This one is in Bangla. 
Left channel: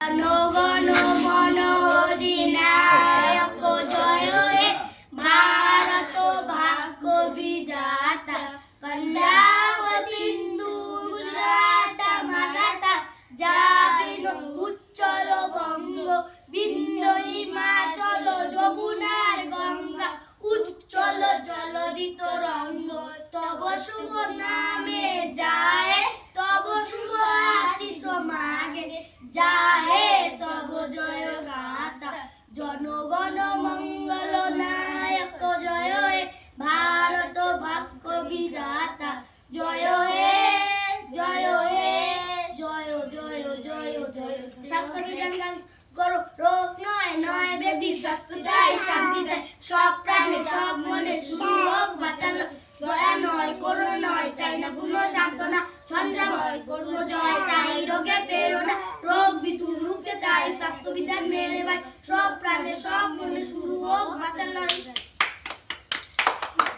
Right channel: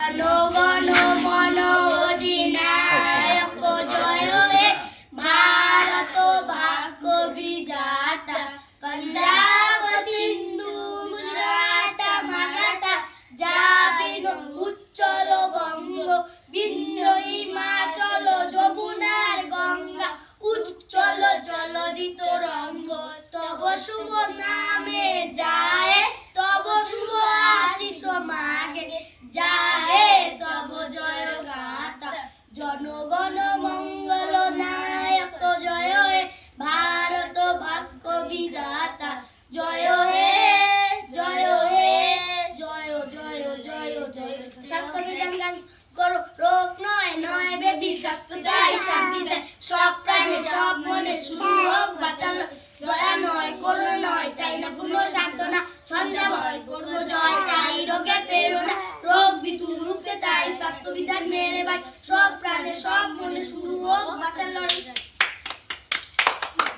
জনগণ মন অধিনায়ক জয় হে ভারত ভাগ্য বিধাতা পঞ্জাব সিন্ধু গুজরাট মারাঠা জাবিন উচ্চল বঙ্গ বিন্দ হিমাচল যমুনার গঙ্গা উচ্চল জলদিত রঙ্গ তব শুভ নামে যায় তব শুভ আশিস মাগে যায় তব জয় গাথা জনগণ মঙ্গল নায়ক জয় হে ভারত ভাগ্য বিধাতা জয় হে জয় হে জয় জয় জয় জয় স্বাস্থ্য বিধান গান করো রোগ নয় নয় ব্যাধি স্বাস্থ্য চাই শান্তি চাই সব প্রাণে সব মনে শুরু হোক বাঁচানো দয়া নয় করুণা নয় চাই না পুণ্য সান্ত্বনা ছন্দে ভয় করবো জয় চাই রোগের প্রেরণা রোগ বিধু রুখতে চাই স্বাস্থ্য বিধান মেরে ভাই সব প্রাণে সব মনে শুরু হোক বাঁচার লড়াই